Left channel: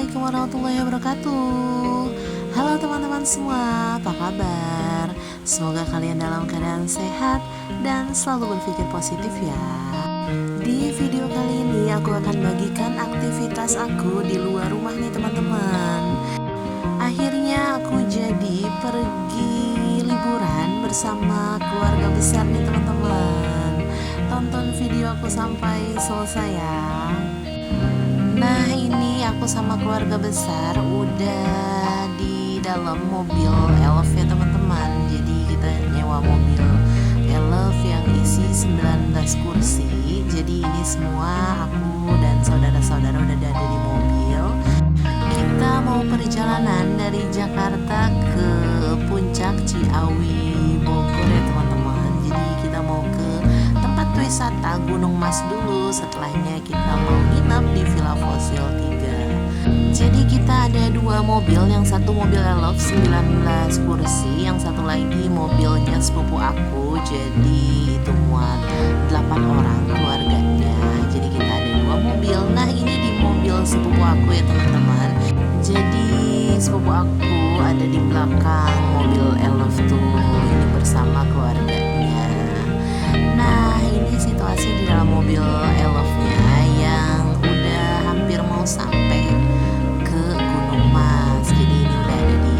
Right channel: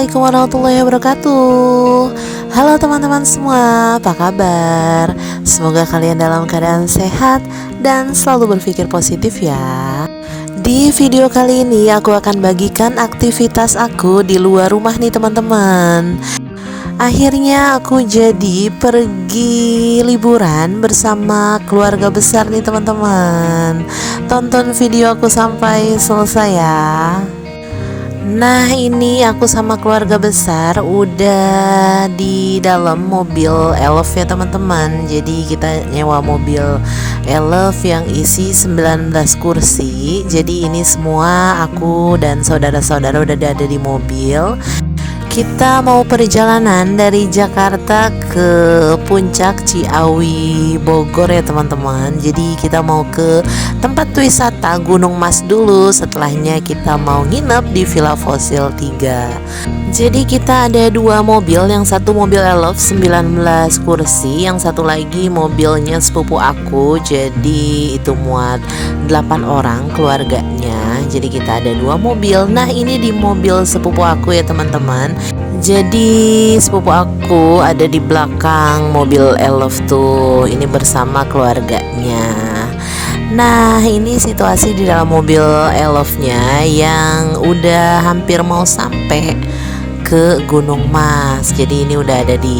Assalamualaikum warahmatullahi wabarakatuh. Halo teman-teman semua, apa kabar? Semoga kalian dalam keadaan sehat dan selalu berpikir positif ya. Di video kali ini aku akan bagikan aktivitas aku di luar rumah nih teman-teman. Akhirnya aku jadi pergi liburan bersama keluarga besar nih teman-teman. Tonton video aku sampai selesai ya. Nah ini aku sama keluarga besar udah di dalam mobil Elf ya teman-teman. Jadi kita nyewa mobil Elf yang isi 19 kursi. Jadi ini semua aku dan saudara-saudara udah ada di mobil. Kita mau perjalanan dari Jakarta ke Puncak Ciawi Bogor ya teman-teman. Jadi kita mau ke tempat wisata Gunung Mas dulu. Setelahnya kita mau nginep di Villa Fosil 3. Jadi kita ada dua mobil. Yang satu mobil Elf 19 kursi, yang satu lagi mobilnya sepupu aku. Jadi itu muat 8 orang keluarganya. Jadi kita ada dua mobil. Nah ini di mobil sepupu aku ya teman-teman. Jadi sepupu aku ada di belakang mobil Elf tuh. Ini bersama keluarganya. Nah ini situasi di dalam mobil Elfnya yang udah hampir mau sampai ke Gunung Mas. Jadi ini udah ada di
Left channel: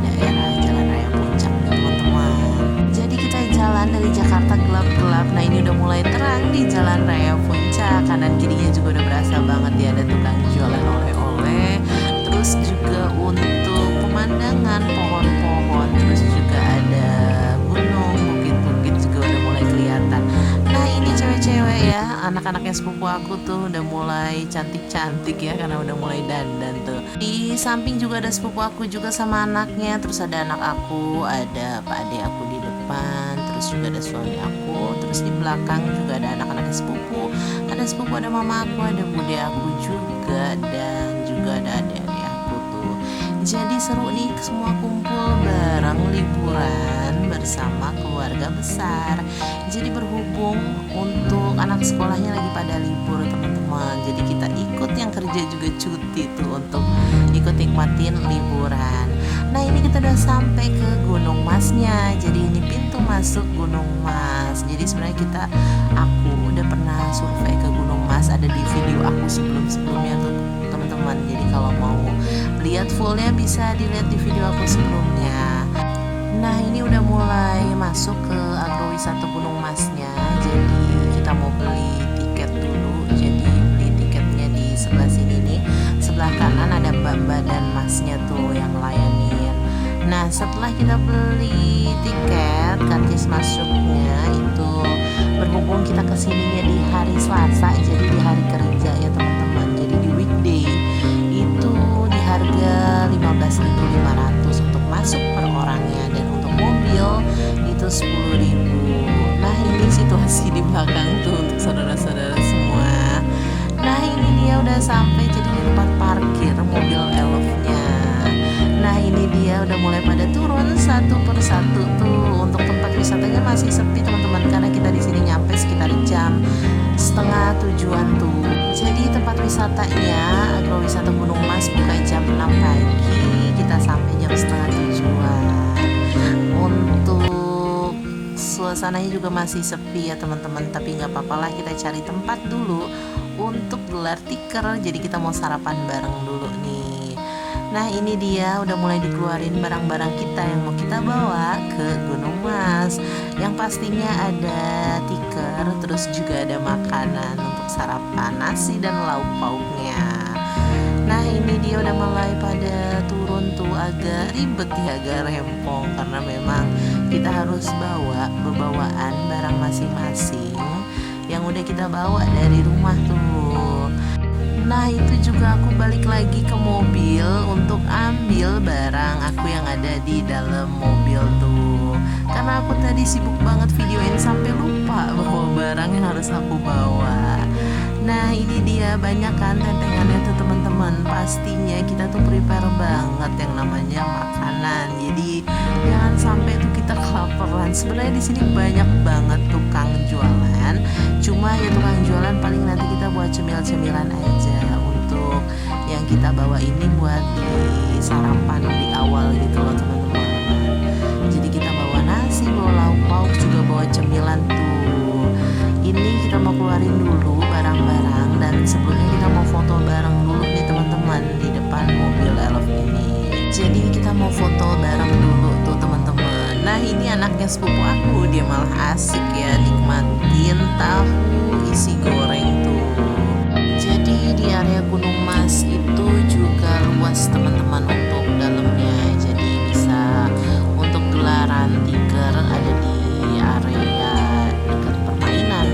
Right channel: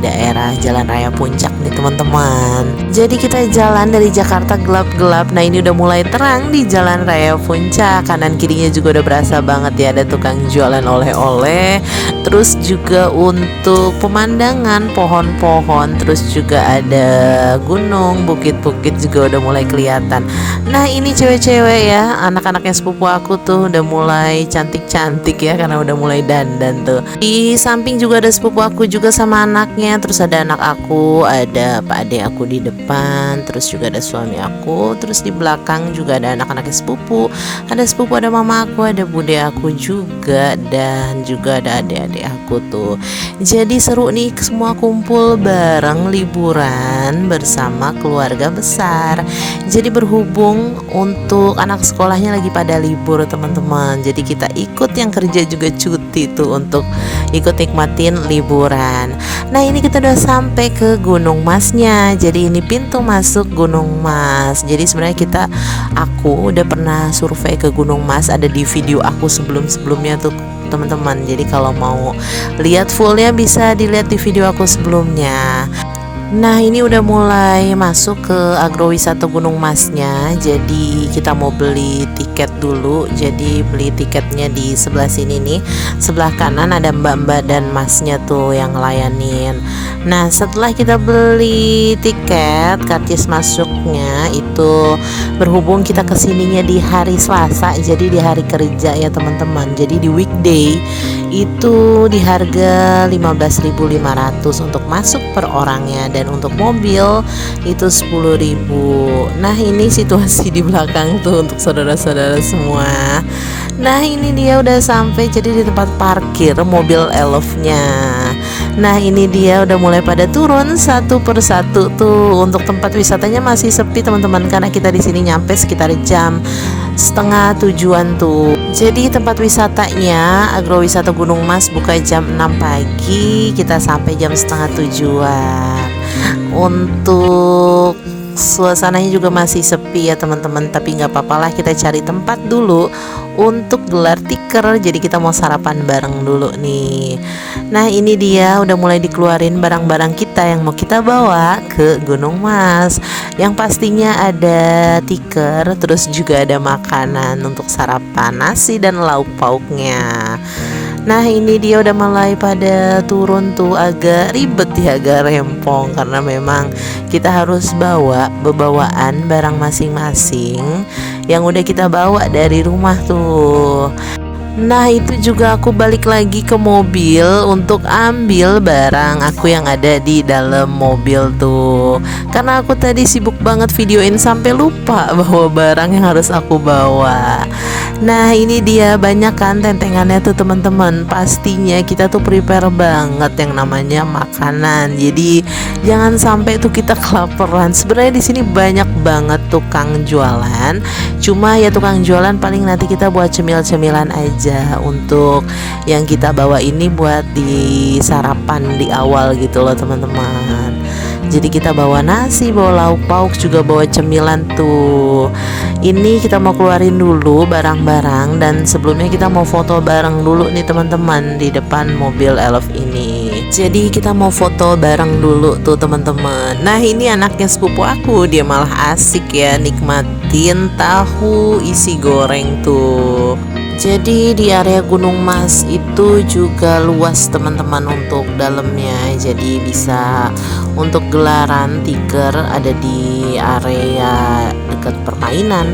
daerah Jalan Raya Puncak nih teman-teman. Jadi kita jalan dari Jakarta gelap-gelap. Nah ini udah mulai terang di Jalan Raya Puncak. Kanan kirinya juga udah berasa banget ya, ada tukang jualan oleh-oleh. Terus juga untuk pemandangan pohon-pohon, terus juga ada gunung, bukit-bukit juga udah mulai kelihatan. Nah ini cewek-cewek ya, anak-anaknya sepupu aku tuh udah mulai cantik-cantik ya, karena udah mulai dandan tuh. Di samping juga ada sepupu aku juga sama anaknya. Terus ada anak aku, ada pak ade aku di depan, terus juga ada suami aku. Terus di belakang juga ada anak-anaknya sepupu. Ada sepupu, ada mama aku, ada bude aku juga, dan juga ada adik-adik aku tuh. Jadi seru nih, semua kumpul bareng liburan bersama keluarga besar. Jadi berhubung untuk anak sekolahnya lagi pada libur teman-teman, jadi kita ikut yang kerja juga cuti tuh untuk ikut nikmatin liburan. Nah ini kita udah sampai ke Gunung Masnya. Jadi ini pintu masuk Gunung Mas. Jadi sebenarnya aku udah pernah survei ke Gunung Mas, ada di video aku sebelumnya tuh teman-teman. Jadi kalau mau lihat fullnya bisa dilihat di video aku sebelumnya. Nah ini udah mulai masuk ke agrowisata Gunung Masnya. Jadi kita mau beli tiket dulu. Jadi beli tiketnya di sebelah sini nih. Sebelah kanan ada mbak-mbak dan masnya tuh yang ngelayanin. Nah setelah kita beli tiket, karcis masuknya itu berhubung kita kesininya di hari Selasa, jadi di hari kerja ya teman-teman. Jadi di weekday itu di harga 15.500 untuk masuk per orangnya, dan untuk mobil itu 10.000. Nah ini situasi di belakang tuh untuk saudara-saudara semua. Nah ini dia udah sampai jadi di tempat parkir mobil Elfnya. Nah ini dia udah mulai pada turun satu persatu tuh. Untuk tempat wisatanya masih sepi teman-teman, karena kita di sini nyampe sekitar jam setengah 7-an tuh. Jadi tempat wisatanya agrowisata Gunung Mas buka jam 6 pagi, kita sampai jam setengah 7-an. Untuk suasananya juga masih sepi ya teman-teman, tapi nggak apa-apa lah, kita cari tempat dulu untuk gelar tikar. Jadi kita mau sarapan bareng dulu nih. Nah ini dia udah mulai dikeluarin barang-barang kita yang mau kita bawa ke Gunung Mas. Yang pastinya ada tikar, terus juga ada makanan untuk sarapan, nasi dan lauk pauknya. Nah ini dia udah mulai pada turun tuh, agak ribet ya, agak rempong, karena memang kita harus bawa bebawaan barang masing-masing yang udah kita bawa dari rumah tuh. Nah itu juga aku balik lagi ke mobil untuk ambil barang aku yang ada di dalam mobil tuh, karena aku tadi sibuk banget videoin sampai lupa bawa barang yang harus aku bawa. Nah ini dia, banyak kan tentengannya tuh teman-teman. Pastinya kita tuh prepare banget yang namanya makanan. Jadi jangan sampai tuh kita kelaparan. Sebenarnya di sini banyak banget tukang jualan. Cuma ya tukang jualan paling nanti kita buat cemil-cemilan aja. Untuk yang kita bawa ini buat di sarapan di awal gitu loh teman-teman. Jadi kita bawa nasi, bawa lauk pauk, juga bawa cemilan tuh. Ini kita mau keluarin dulu barang-barang, dan sebelumnya kita mau foto bareng dulu nih teman-teman di depan mobil Elf ini. Jadi kita mau foto bareng dulu tuh teman-teman. Nah ini anaknya sepupu aku, dia malah asik ya nikmatin tahu isi goreng tuh. Jadi di area Gunung Mas itu juga luas teman-teman untuk dalamnya. Jadi bisa untuk gelaran tiker ada di area dekat permainan,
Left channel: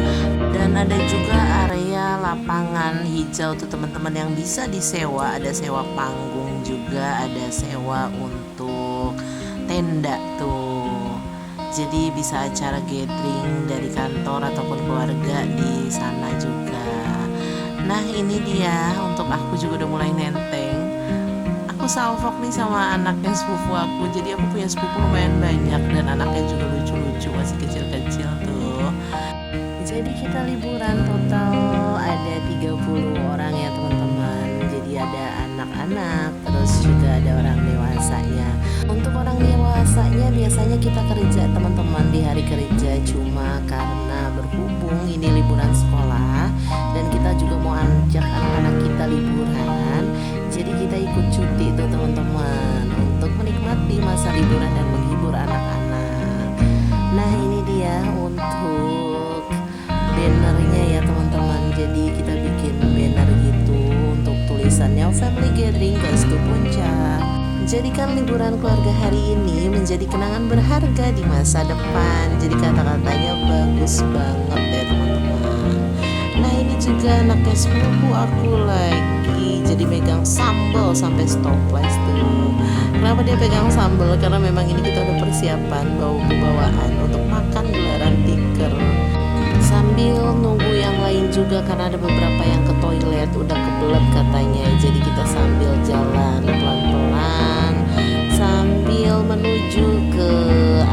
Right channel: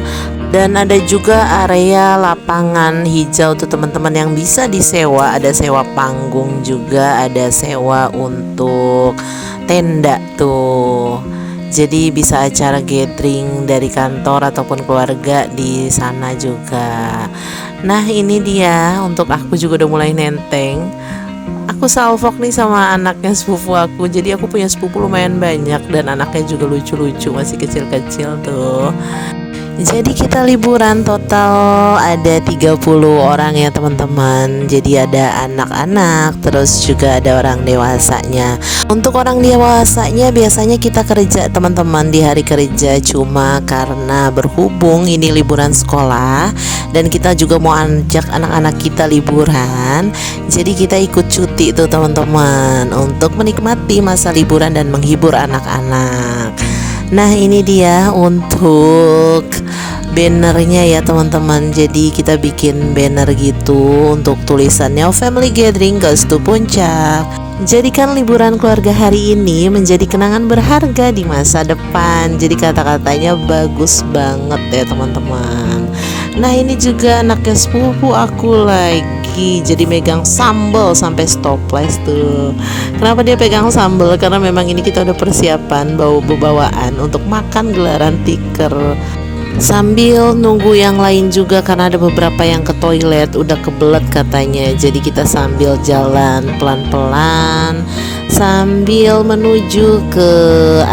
dan ada juga area lapangan hijau tuh teman-teman yang bisa disewa. Ada sewa panggung juga, ada sewa untuk tenda tuh. Jadi bisa acara gathering dari kantor ataupun keluarga di sana juga. Nah ini dia, untuk aku juga udah mulai nenteng. Aku salvok nih sama anaknya sepupu aku. Jadi aku punya sepupu lumayan banyak, dan anaknya juga lucu-lucu, masih kecil-kecil tuh. Jadi kita liburan total ada 30 orang ya teman-teman. Jadi ada anak-anak, terus juga ada orang dewasanya. Untuk orang dewasanya biasanya kita kerja teman-teman di hari kerja. Cuma karena berhubung ini liburan sekolah dan kita juga mau ajak anak-anak kita liburan, jadi kita ikut cuti tuh teman-teman untuk menikmati masa liburan dan menghibur anak-anak. Nah ini dia untuk bannernya ya teman-teman. Jadi kita bikin banner gitu untuk tulisannya Family Gathering Goes to Puncak. Jadikan liburan keluarga hari ini menjadi kenangan berharga di masa depan. Jadi kata-katanya bagus banget ya teman-teman. Nah ini juga anaknya sepupu aku lagi, jadi megang sambal sampai stopless tuh. Kenapa dia pegang sambal? Karena memang ini kita udah persiapan bawaan untuk makan gelaran tiker. Sambil nunggu yang lain juga karena ada beberapa yang ke toilet udah kebelet katanya. Jadi kita sambil jalan pelan-pelan sambil menuju ke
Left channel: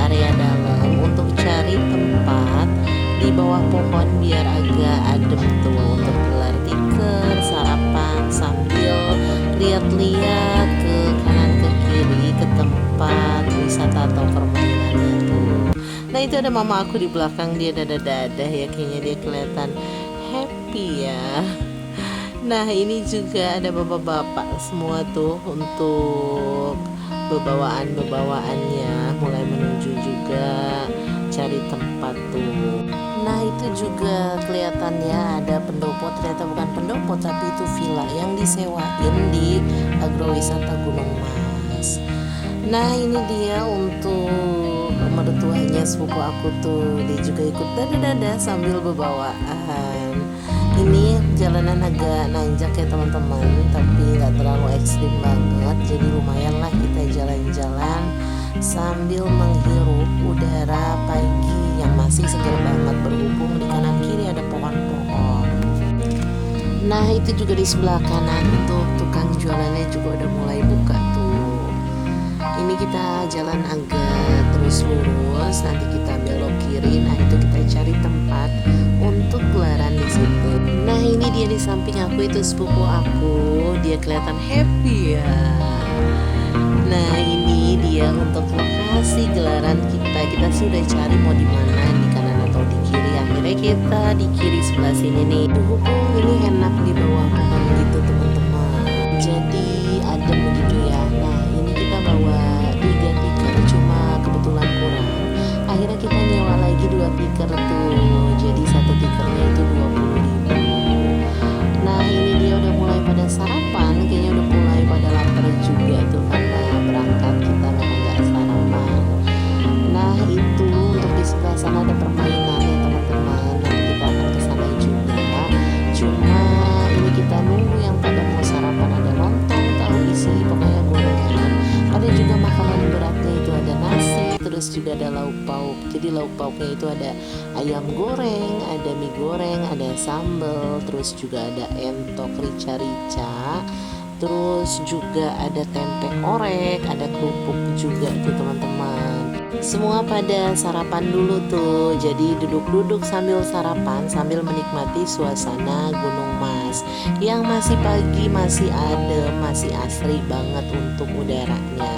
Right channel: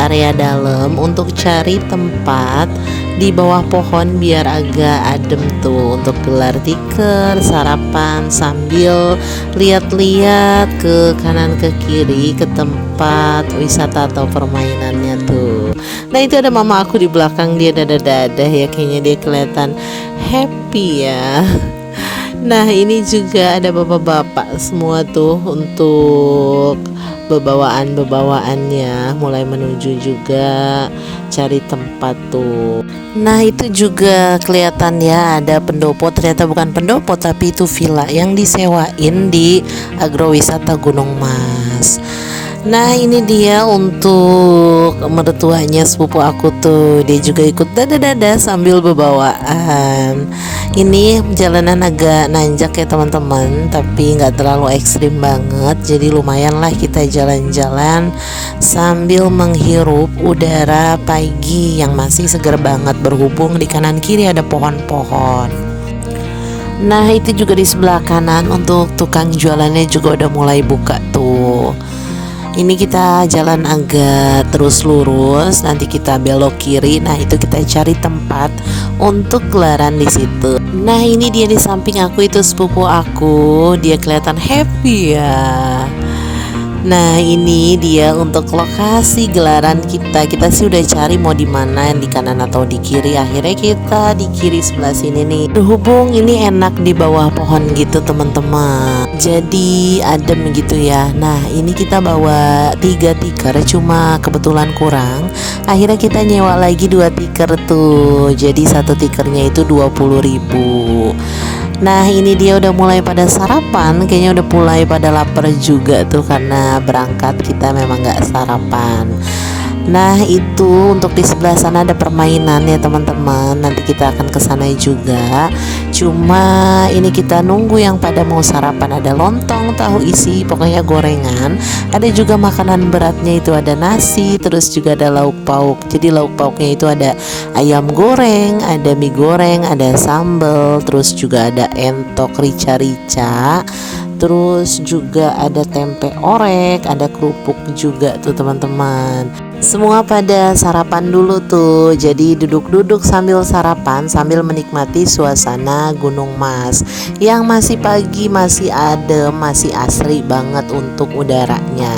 area dalam untuk cari tempat di bawah pohon biar agak adem tuh untuk gelar tiker, sarapan sambil lihat-lihat ke kanan ke kiri ke tempat wisata atau permainannya tuh. Nah itu ada mama aku di belakang, dia dadah-dadah ya, kayaknya dia kelihatan happy ya. Nah ini juga ada bapak-bapak semua tuh untuk bebawaannya mulai menuju juga cari tempat tuh. Nah itu juga kelihatan ya ada pendopo, ternyata bukan pendopo tapi itu villa yang disewain di agrowisata Gunung Mas. Nah ini dia untuk mertuanya sepupu aku tuh, dia juga ikut dada-dada sambil bebawaan. Ini jalanan agak nanjak ya teman-teman, tapi nggak terlalu ekstrim banget. Jadi lumayan lah kita jalan-jalan sambil menghirup udara pagi yang masih segar banget, berhubung di kanan kiri ada pohon-pohon. Nah itu juga di sebelah kanan untuk tukang jualannya juga udah mulai buka tuh. Ini kita jalan agak terus lurus, nanti kita belok kiri. Nah itu kita cari tempat untuk gelaran di situ. Nah ini dia di samping aku, itu sepupu aku, dia kelihatan happy ya. Nah ini dia untuk lokasi gelaran kita. Kita sih udah cari mau di mana, di kanan atau di kiri. Akhirnya kita di kiri sebelah sini nih. Berhubung ini enak di bawah pohon gitu teman-teman, jadi adem gitu ya. Nah ini kita bawa 3 tikar, cuma kebetulan kurang. Akhirnya kita nyewa lagi 2 tikar tuh. Jadi 1 tikernya itu 20.000. Nah ini dia udah mulai pada sarapan, kayaknya udah mulai pada lapar juga tuh karena berangkat kita memang gak sarapan. Nah itu untuk di sebelah sana ada permainan ya teman-teman. Nanti kita akan ke sana juga. Cuma ini kita nunggu yang pada mau sarapan. Ada lontong, tahu isi, pokoknya gorengan. Ada juga makanan beratnya itu ada nasi, terus juga ada lauk pauk. Jadi lauk pauknya itu ada ayam goreng, ada mie goreng, ada sambal, terus juga ada entok rica-rica. Terus juga ada tempe orek, ada kerupuk juga tuh teman-teman. Semua pada sarapan dulu tuh. Jadi duduk-duduk sambil sarapan, sambil menikmati suasana Gunung Mas yang masih pagi, masih adem, masih asri banget untuk udaranya.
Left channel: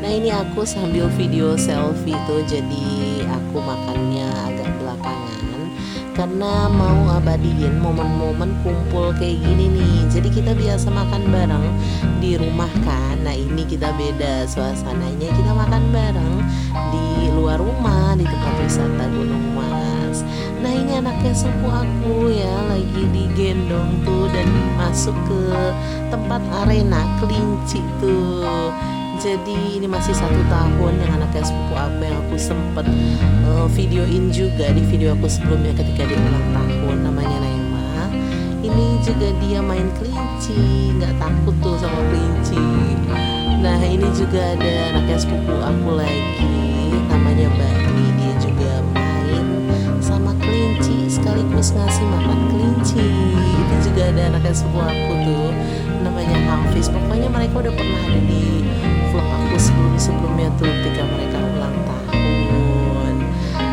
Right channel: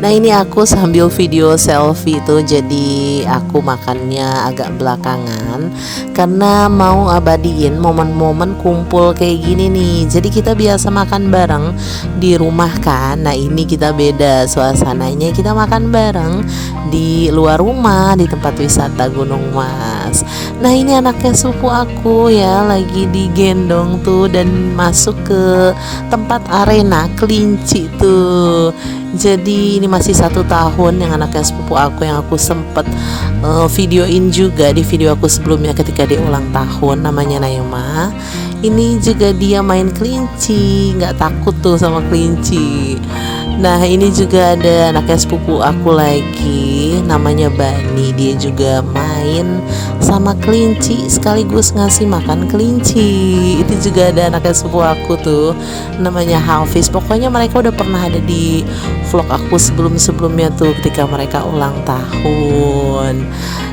Nah ini aku sambil video selfie tuh. Jadi aku makannya agak belakangan karena mau abadiin momen-momen kumpul kayak gini nih. Jadi kita biasa makan bareng di rumah kan. Nah ini kita beda suasananya, kita makan bareng di luar rumah di tempat wisata Gunung Mas. Nah ini anaknya sepupu aku ya lagi digendong tuh dan masuk ke tempat arena kelinci tuh. Jadi ini masih 1 tahun yang anaknya sepupu aku yang aku sempet videoin juga di video aku sebelumnya ketika dia ulang tahun, namanya Naima. Ini juga dia main kelinci, nggak takut tuh sama kelinci. Nah ini juga ada anaknya sepupu aku lagi, namanya Bani. Dia juga main sama kelinci sekaligus ngasih makan kelinci. Itu juga ada anaknya sepupu aku tuh, namanya Hafiz. Pokoknya mereka udah pernah ada di vlog aku sebelum-sebelumnya tuh ketika mereka ulang tahun.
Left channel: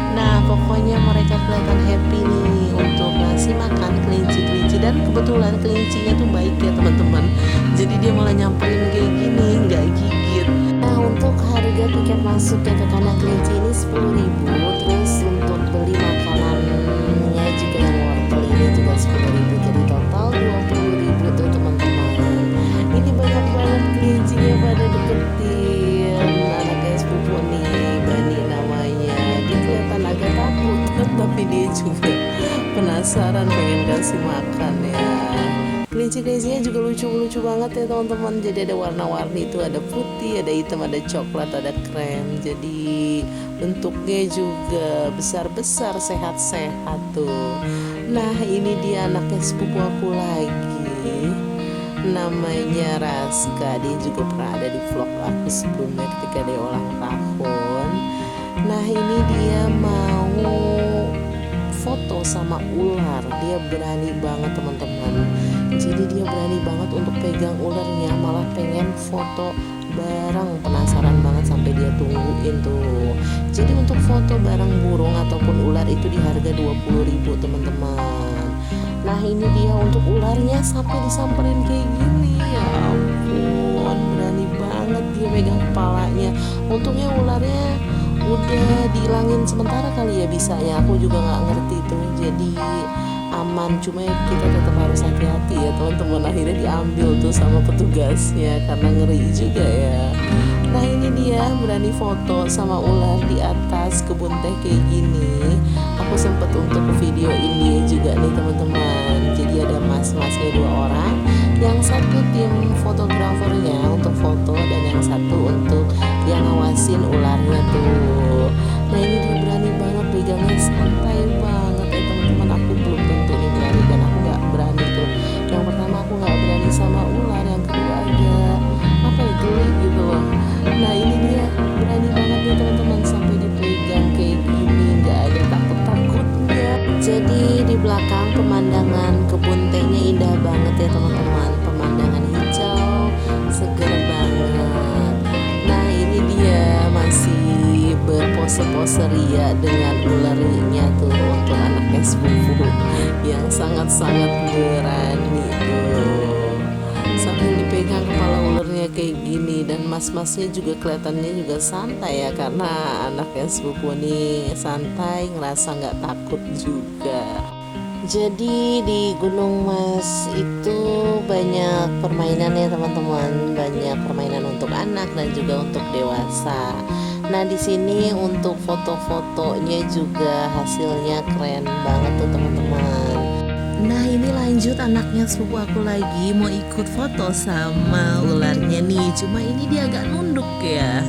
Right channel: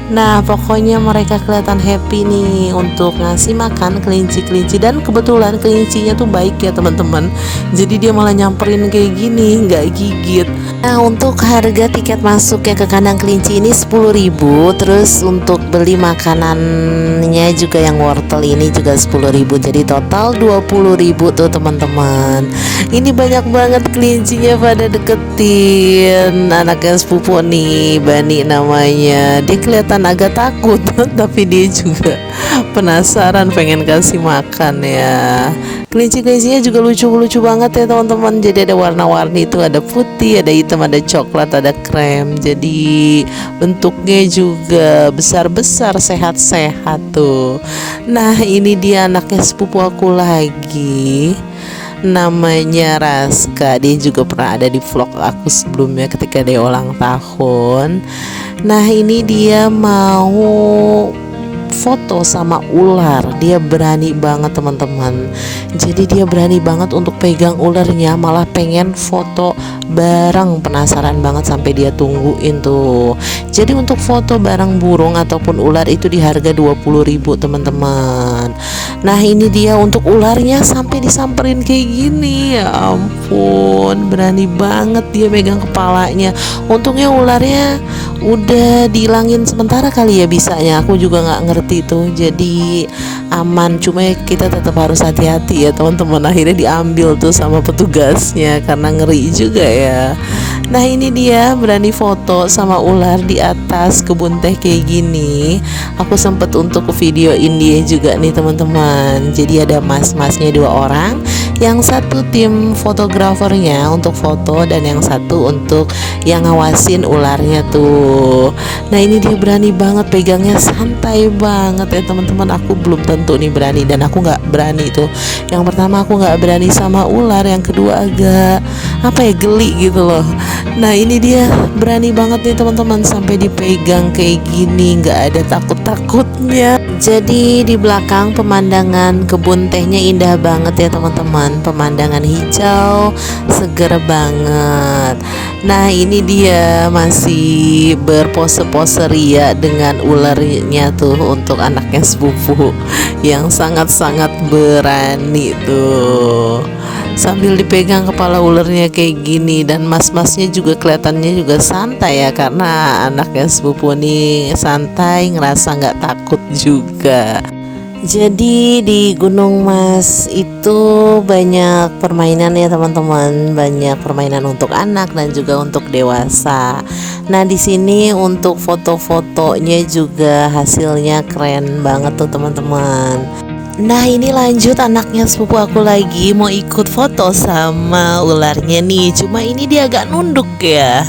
Nah pokoknya mereka kelihatan happy nih untuk ngasih makan kelinci-kelinci. Dan kebetulan kelincinya tuh baik ya teman-teman. Jadi dia malah nyamperin kayak gini, nggak gigit. Nah untuk harga tiket masuk ya ke kandang kelinci ini 10.000. Terus untuk beli makanannya juga yang wortel ini juga 10.000. Jadi total 20.000 tuh teman-teman. Ini banyak banget kelincinya pada deketin anaknya sepupu nih, Bani namanya. Dia kelihatan agak takut tapi dia juga penasaran pengen kasih makan ya. Kelinci-kelincinya juga lucu-lucu banget ya teman-teman. Jadi ada warna-warni itu, ada putih, ada hitam, ada coklat, ada krem. Jadi bentuknya juga besar-besar, sehat-sehat tuh. Nah ini dia anaknya sepupu aku lagi, namanya Raska. Dia juga pernah ada di vlog aku sebelumnya ketika dia ulang tahun. Nah ini dia mau foto sama ular. Dia berani banget teman-teman. Jadi dia berani banget untuk pegang ularnya, malah pengen foto bareng. Penasaran banget sampai dia tungguin tuh. Jadi untuk foto bareng burung ataupun ular itu di harga 20.000 teman-teman. Nah ini dia untuk ularnya sampai disamperin kayak gini. Ya ampun, berani banget dia megang kepalanya. Untungnya ularnya udah dihilangin sementara kali ya bisanya, aku juga nggak ngerti tuh. Jadi aman, cuma kita tetap harus hati-hati ya teman-teman. Akhirnya diambil tuh sama petugasnya karena ngeri juga ya. Nah ini dia berani foto sama ular di atas kebun teh kayak gini. Aku sempet untuk videoin dia juga nih teman-teman. Jadi ada mas-masnya 2 orang, yang satu tim fotografernya untuk foto dan yang satu untuk yang ngawasin ularnya tuh. Nah ini dia berani banget, pegangnya santai banget ya teman-teman. Aku belum tentu nih berani, dan aku nggak berani tuh. Yang pertama aku nggak berani sama ular, yang kedua agak geli gitu loh. Nah ini dia berani banget nih teman-teman, sampai dipegang kayak gini, nggak ada takut-takutnya. Jadi di belakang pemandangan kebun tehnya indah banget ya teman-teman. Pemandangan hijau, seger banget. Nah ini dia masih berpose-pose ria dengan ularnya tuh untuk anaknya sepupu yang sangat-sangat berani tuh. Sambil dipegang kepala ularnya kayak gini, dan mas-masnya juga kelihatannya juga santai ya, karena anaknya sepupu nih santai, ngerasa nggak takut juga. Jadi di Gunung Mas itu banyak permainan ya teman-teman, banyak permainan untuk anak dan juga untuk dewasa. Nah di sini untuk foto-fotonya juga hasilnya keren banget tuh teman-teman. Nah ini lanjut, anaknya sepupu aku lagi mau ikut foto sama ularnya nih. Cuma ini dia agak nunduk ya,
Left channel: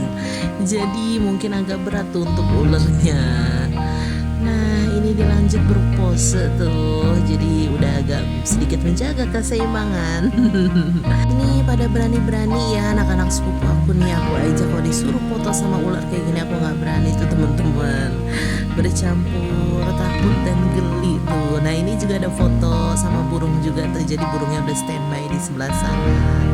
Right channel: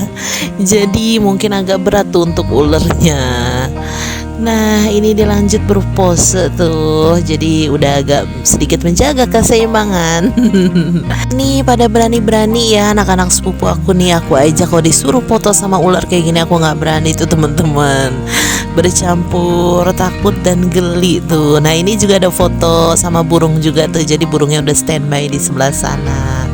jadi mungkin agak berat tuh untuk ularnya. Nah ini dilanjut berpose tuh, jadi udah agak sedikit menjaga keseimbangan. Nih pada berani-berani ya anak-anak sepupu aku nih. Aku aja kalau disuruh foto sama ular kayak gini aku nggak berani tuh teman-teman. Bercampur takut dan geli tuh. Nah ini juga ada foto sama burung juga tuh, jadi burungnya udah standby di sebelah sana.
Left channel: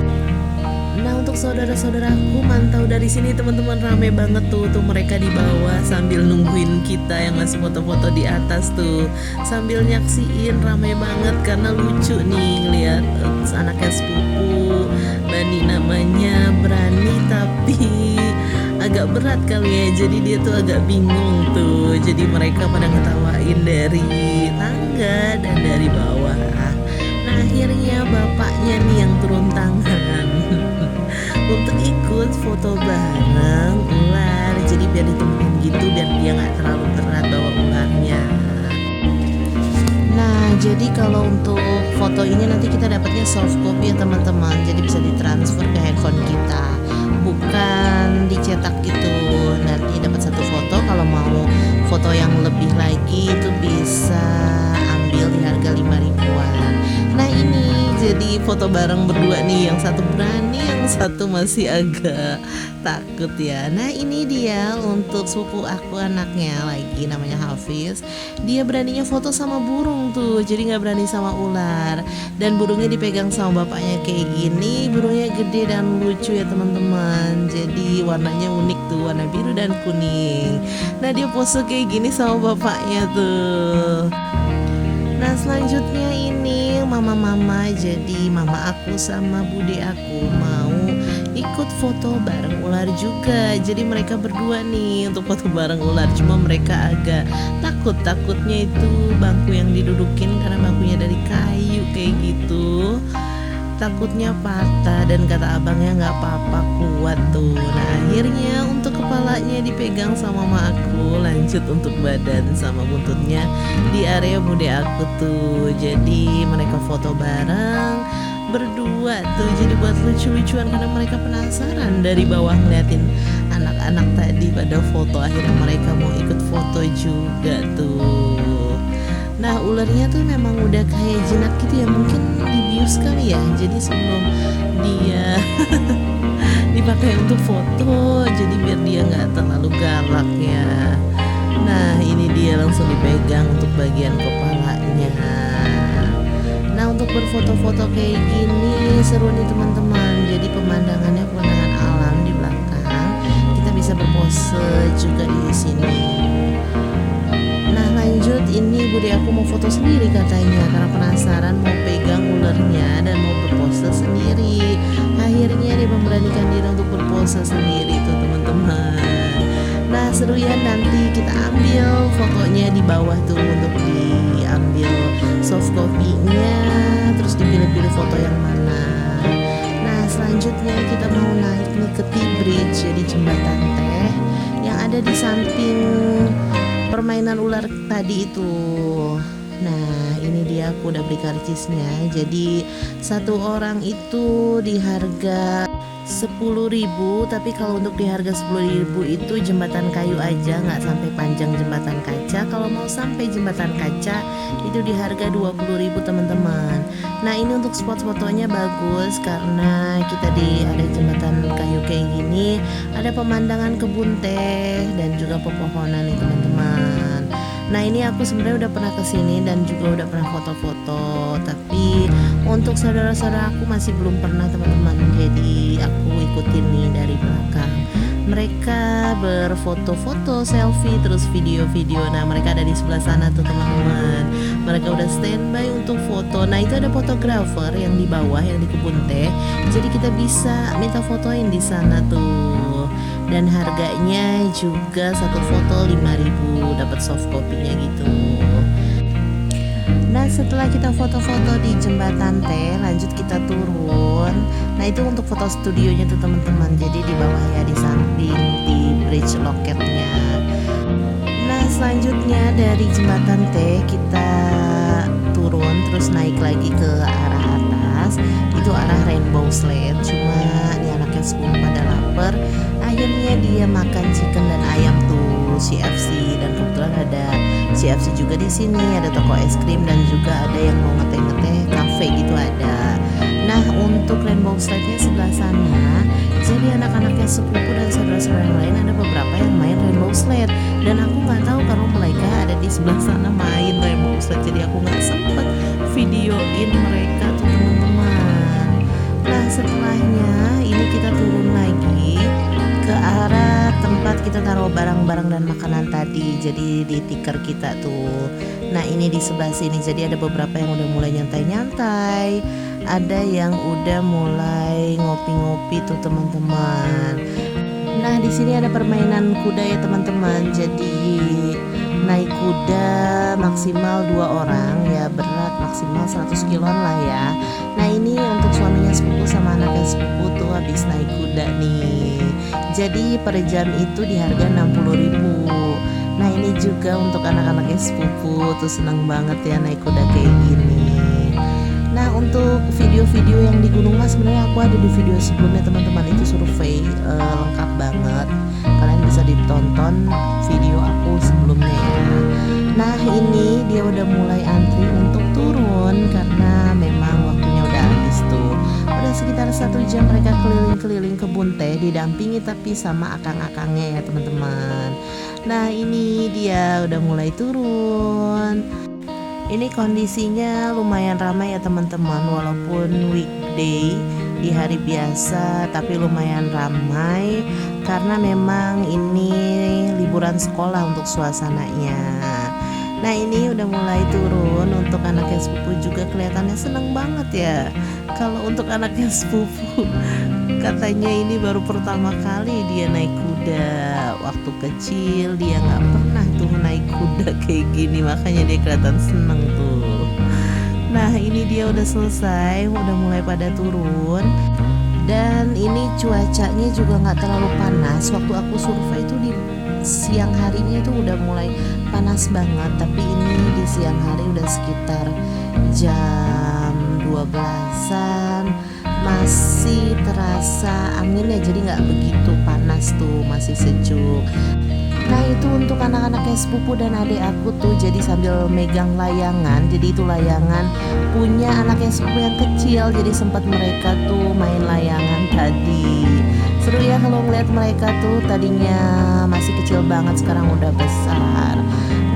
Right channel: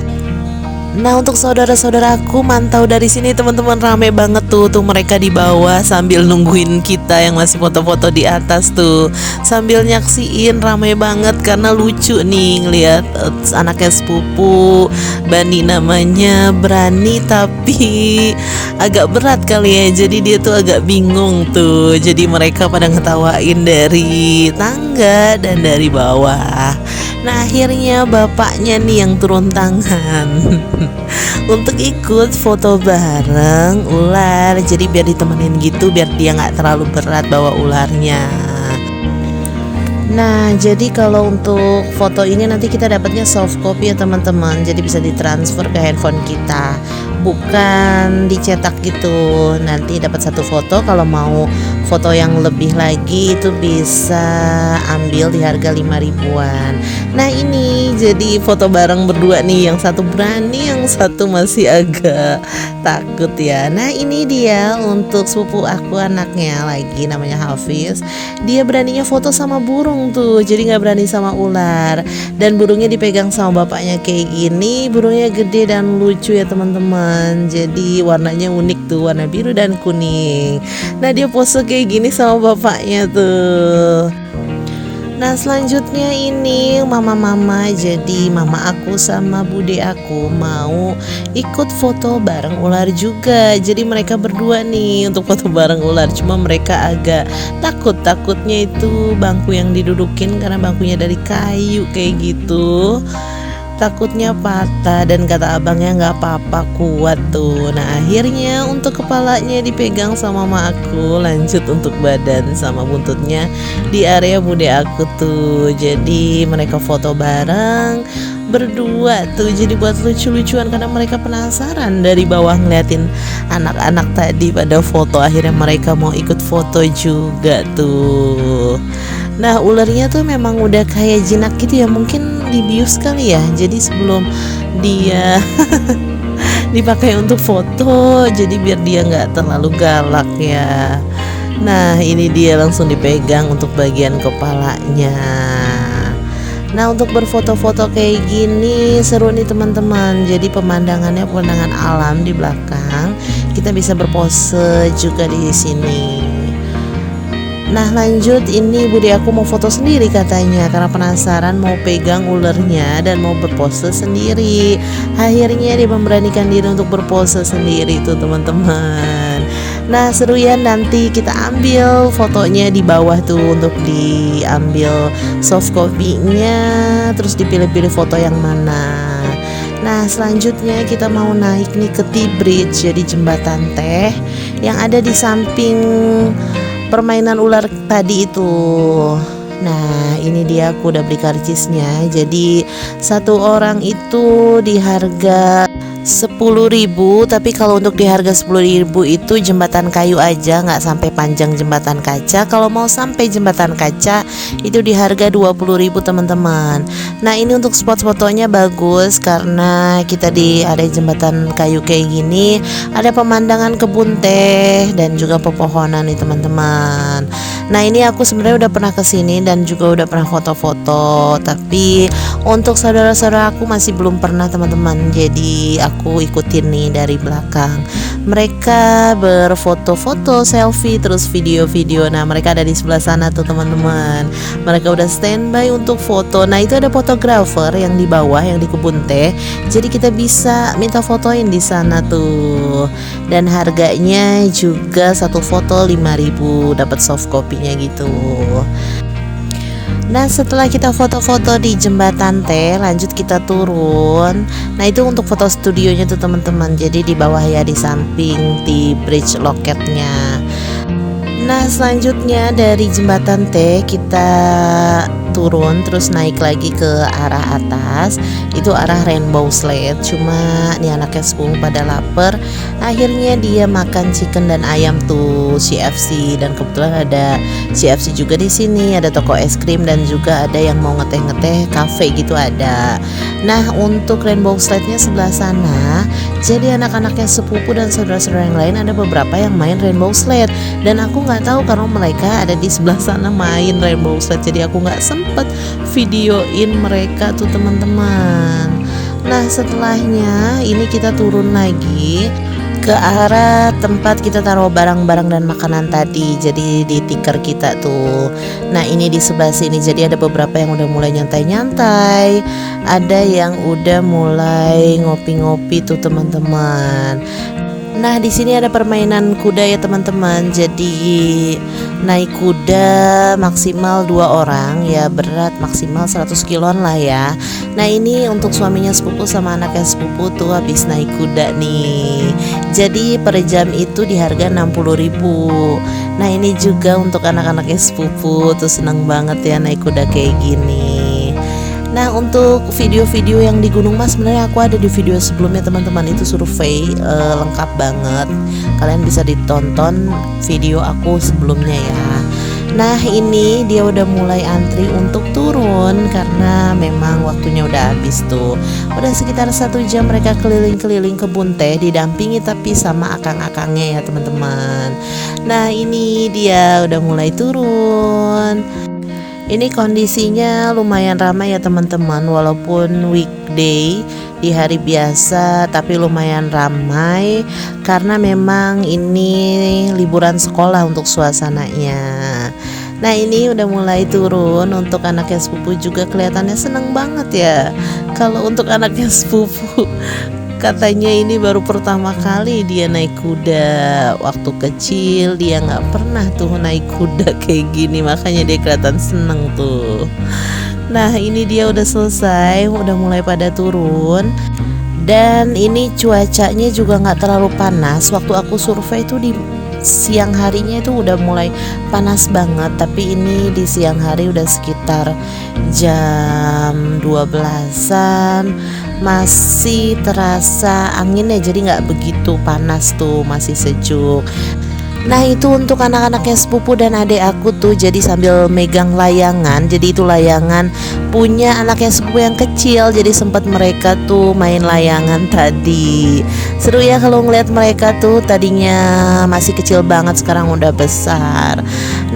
Nah untuk saudara-saudaraku mantau dari sini teman-teman, rame banget tuh mereka di bawah sambil nungguin kita yang masih foto-foto di atas tuh, sambil nyaksiin, rame banget karena lucu nih ngeliat anaknya sepupu Bani namanya, berani tapi agak berat kali ya, jadi dia tuh agak bingung tuh, jadi mereka pada ngetawain dari tangga dan dari bawah. Nah akhirnya bapaknya nih yang turun tangan untuk ikut foto bareng ular. Jadi biar ditemenin gitu, biar dia nggak terlalu berat bawa ularnya. Nah jadi kalau untuk foto ini nanti kita dapatnya soft copy ya teman-teman, jadi bisa ditransfer ke handphone kita, bukan dicetak gitu. Nanti dapat satu foto, kalau mau foto yang lebih lagi itu bisa ambil di harga 5 ribuan. Nah ini jadi foto bareng berdua nih, yang satu berani, yang satu masih agak takut ya. Nah ini dia untuk sepupu aku, anaknya lagi namanya Hafiz. Dia beraninya foto sama burung tuh, jadi nggak berani sama ular. Dan burungnya dipegang sama bapaknya kayak gini. Burungnya gede dan lucu ya teman-teman, jadi warnanya unik tuh, warna biru dan kuning. Nah dia pose kayak gini sama bapaknya tuh. Nah selanjutnya ini mama-mama, jadi mama aku sama bude aku mau ikut foto bareng ular juga. Jadi mereka berdua nih untuk foto bareng ular, cuma mereka agak takutnya itu bangku yang didudukin karena bangkunya dari kayu kayak gitu, takutnya patah, dan kata abangnya nggak apa-apa, kuat tuh. Nah akhirnya untuk kepalanya dipegang sama mama aku, lanjut untuk badan sama buntutnya di area bude aku tuh. Jadi mereka foto bareng berdua tuh, jadi buat lucu-lucuan karena mereka penasaran dari bawah ngeliatin anak-anak tadi pada foto. Akhirnya mereka mau ikut foto juga tuh. Nah ularnya tuh memang udah kayak jinak gitu ya, mungkin dibius kali ya, jadi sebelum dia dipakai untuk foto, jadi biar dia nggak terlalu galak ya. Nah ini dia langsung dipegang untuk bagian kepalanya. Nah untuk berfoto-foto kayak gini seru nih teman-teman, jadi pemandangannya pemandangan alam di belakang, kita bisa berpose juga di sini. Nah lanjut, ini bude aku mau foto sendiri katanya karena penasaran mau pegang ulernya dan mau berpose sendiri. Akhirnya dia memberanikan diri untuk berpose sendiri tuh teman-teman. Nah seru ya, nanti kita ambil fotonya di bawah tuh untuk diambil soft copy-nya, terus dipilih-pilih foto yang mana. Nah selanjutnya kita mau naik nih ke T-Bridge, jadi jembatan teh yang ada di samping permainan ular tadi itu. Nah ini dia, aku udah beli karcisnya. Jadi satu orang itu di harga 10.000, tapi kalau untuk di harga 10.000 itu jembatan kayu aja, nggak sampai panjang jembatan kaca. Kalau mau sampai jembatan kaca itu di harga 20.000 teman-teman. Nah ini untuk spot fotonya bagus karena kita di area jembatan kayu kayak gini, ada pemandangan kebun teh dan juga pepohonan nih teman-teman. Nah ini aku sebenarnya udah pernah kesini dan juga udah pernah foto-foto, tapi untuk saudara-saudara aku masih belum pernah teman-teman. Jadi aku ikutin nih dari belakang. Mereka berfoto-foto, selfie, terus video-video. Nah mereka ada di sebelah sana tuh teman-teman. Mereka udah standby untuk foto. Nah itu ada fotografer yang di bawah, yang di kebun teh. Jadi kita bisa minta fotoin di sana tuh. Dan harganya juga satu foto 5.000, dapat soft copy-nya gitu. Nah setelah kita foto-foto di jembatan teh, lanjut kita turun. Nah itu untuk foto studionya tuh teman-teman. Jadi di bawah ya, di samping di bridge loketnya. Nah, selanjutnya dari jembatan T kita turun terus naik lagi ke arah atas, itu arah Rainbow Slide. Cuma nih anaknya 10 pada lapar, akhirnya dia makan chicken dan ayam tuh CFC, dan kebetulan ada CFC juga di sini, ada toko es krim dan juga ada yang mau ngeteh-ngeteh cafe gitu ada. Nah, untuk Rainbow Slide-nya sebelah sana, jadi anak-anaknya sepupu dan saudara-saudara yang lain ada beberapa yang main Rainbow Slide, dan aku nggak tahu karena mereka ada di sebelah sana main Rainbow Slide, jadi aku nggak sempet videoin mereka tuh teman-teman. Nah, setelahnya ini kita turun lagi ke arah tempat kita taruh barang-barang dan makanan tadi, jadi di tikar kita tuh. Nah, ini di sebelah sini, jadi ada beberapa yang udah mulai nyantai-nyantai, ada yang udah mulai ngopi-ngopi tuh teman-teman. Nah, di sini ada permainan kuda ya teman-teman. Jadi naik kuda maksimal 2 orang ya, berat maksimal 100 kiloan lah ya. Nah, ini untuk suaminya sepupu sama anaknya sepupu tuh habis naik kuda nih. Jadi per jam itu di harga 60.000. Nah, ini juga untuk anak-anaknya sepupu tuh seneng banget ya naik kuda kayak gini. Nah, untuk video-video yang di Gunung Mas sebenarnya aku ada di video sebelumnya teman-teman, itu survei lengkap banget. Kalian bisa ditonton video aku sebelumnya ya. Nah, ini dia udah mulai antri untuk turun karena memang waktunya udah habis tuh. Udah sekitar 1 jam mereka keliling-keliling kebun teh didampingi tapi sama akang-akangnya ya teman-teman. Nah, ini dia udah mulai turun. Ini kondisinya lumayan ramai ya teman-teman, walaupun weekday di hari biasa tapi lumayan ramai karena memang ini liburan sekolah untuk suasananya. Nah, ini udah mulai turun, untuk anaknya sepupu juga kelihatannya seneng banget ya. Kalau untuk anaknya sepupu katanya ini baru pertama kali dia naik kuda. Waktu kecil dia nggak pernah tuh naik kuda kayak gini, makanya dia kelihatan seneng tuh. Nah, ini dia udah selesai, udah mulai pada turun. Dan ini cuacanya juga nggak terlalu panas. Waktu aku survei itu di siang harinya itu udah mulai panas banget, tapi ini di siang hari udah sekitar jam 12-an masih terasa angin ya, jadi nggak begitu panas tuh, masih sejuk. Nah, itu untuk anak-anaknya sepupu dan adik aku tuh jadi sambil megang layangan. Jadi itu layangan punya anaknya sepupu yang kecil, jadi sempat mereka tuh main layangan tadi. Seru ya kalau ngeliat mereka tuh, tadinya masih kecil banget sekarang udah besar.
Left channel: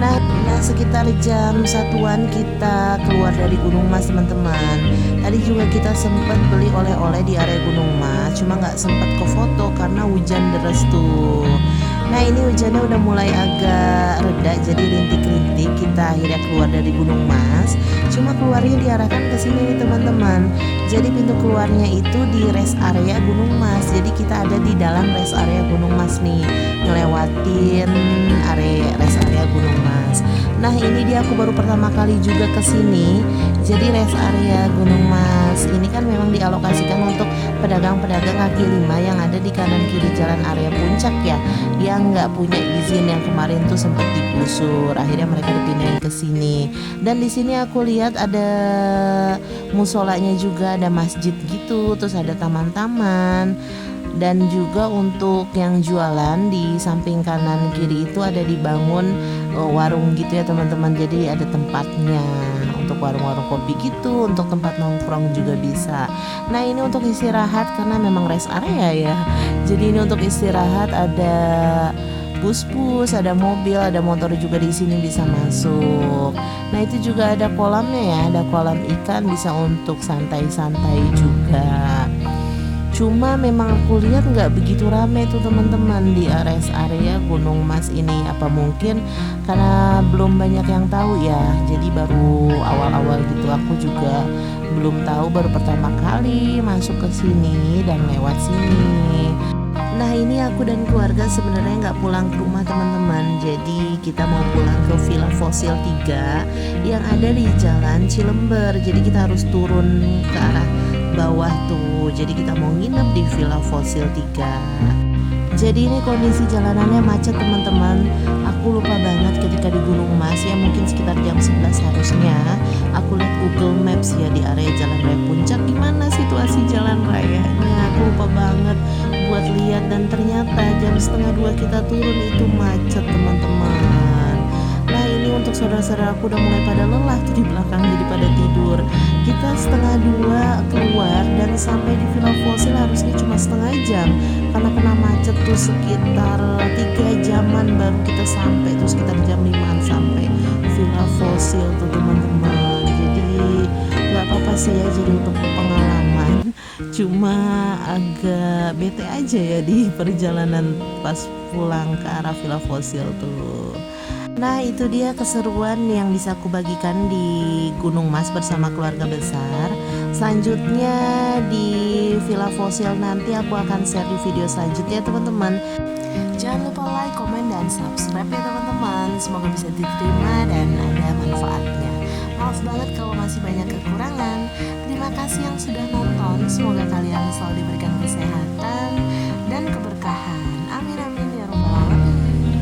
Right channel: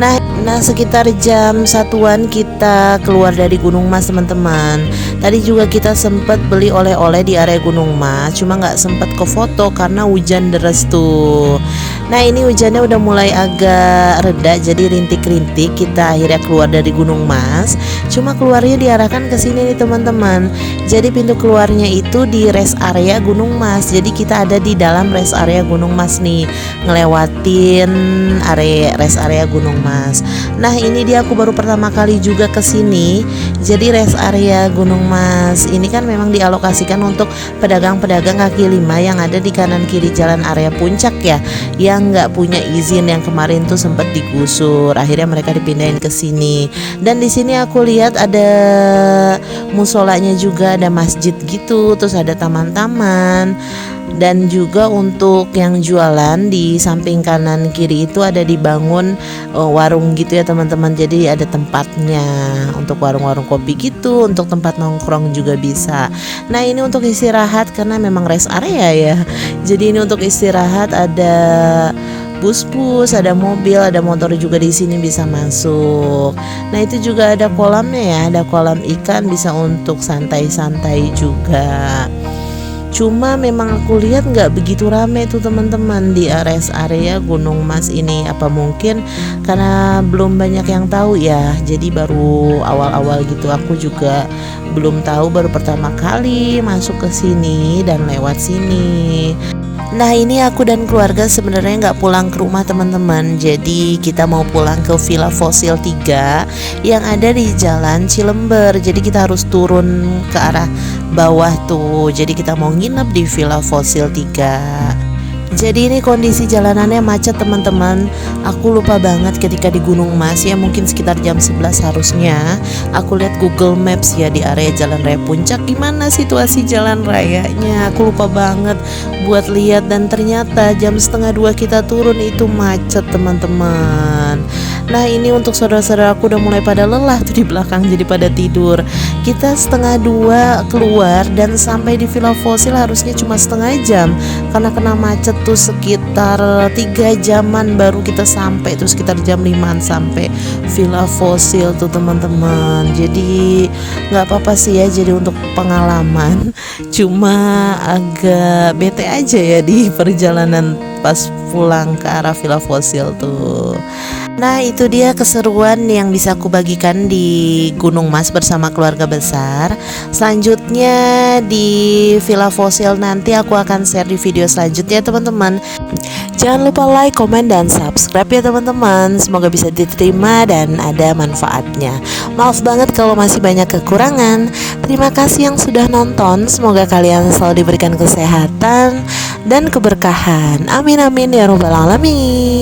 Nah, sekitar jam 1-an kita keluar dari Gunung Mas teman-teman. Tadi juga kita sempat beli oleh-oleh di area Gunung Mas, cuma nggak sempat ke foto karena hujan deras tuh. Nah, ini hujannya udah mulai agak reda, jadi rintik-rintik. Kita akhirnya keluar dari Gunung Mas. Cuma keluarnya diarahkan ke sini nih teman-teman. Jadi pintu keluarnya itu di rest area Gunung Mas. Jadi kita ada di dalam rest area Gunung Mas nih, ngelewatin area rest area Gunung Mas. Nah, ini dia aku baru pertama kali juga ke sini. Jadi rest area Gunung Mas ini kan memang dialokasikan untuk pedagang-pedagang kaki lima yang ada di kanan kiri jalan area puncak ya, yang nggak punya izin, yang kemarin tuh sempat digusur, akhirnya mereka dipindahin ke sini. Dan di sini aku lihat ada musolanya juga, ada masjid gitu, terus ada taman-taman. Dan juga untuk yang jualan di samping kanan kiri itu ada dibangun warung gitu ya teman-teman. Jadi ada tempatnya untuk warung-warung kopi gitu, untuk tempat nongkrong juga bisa. Nah, ini untuk istirahat karena memang rest area ya. Jadi ini untuk istirahat, ada bus-bus, ada mobil, ada motor juga di sini bisa masuk. Nah, itu juga ada kolamnya ya, ada kolam ikan, bisa untuk santai-santai juga. Cuma memang aku lihat nggak begitu rame tuh teman-teman di rest area Gunung Mas ini. Apa mungkin karena belum banyak yang tahu ya, jadi baru awal-awal gitu. Aku juga belum tahu, baru pertama kali masuk ke sini dan lewat sini. Nah, ini aku dan keluarga sebenarnya nggak pulang ke rumah teman-teman. Jadi kita mau pulang ke Villa Fosil 3 yang ada di Jalan Cilember. Jadi kita harus turun ke arah bawah tuh. Jadi kita mau nginep di Villa Fosil 3. Jadi ini kondisi jalanannya macet teman-teman. Aku lupa banget ketika di Gunung Mas ya, mungkin sekitar jam 11 harusnya. Aku lihat Google Maps ya di area Jalan Raya Puncak, gimana situasi jalan rayanya. Aku lupa banget buat lihat, dan ternyata jam setengah 2 kita turun itu macet teman-teman. Nah ini untuk saudara-saudara aku udah mulai pada lelah tuh di belakang, jadi pada tidur. Kita setengah 2 keluar dan sampai di Villa Fosil harusnya cuma setengah jam, karena kena macet tuh sekitar 3 jaman baru kita sampai tuh, sekitar jam 5an sampai Villa Fosil tuh teman-teman. Jadi nggak apa-apa sih ya, jadi untuk pengalaman. Cuma agak bete aja ya di perjalanan pas pulang ke arah Villa Fosil tuh. Nah itu dia keseruan yang bisa aku bagikan di Gunung Mas bersama keluarga besar. Selanjutnya di Villa Fosil nanti aku akan share di video selanjutnya teman-teman. Jangan lupa like, komen, dan subscribe ya teman-teman. Semoga bisa diterima dan ada manfaatnya. Maaf banget kalau masih banyak kekurangan. Terima kasih yang sudah nonton. Semoga kalian selalu diberikan kesehatan dan keberkahan. Amin amin ya robbal alamin.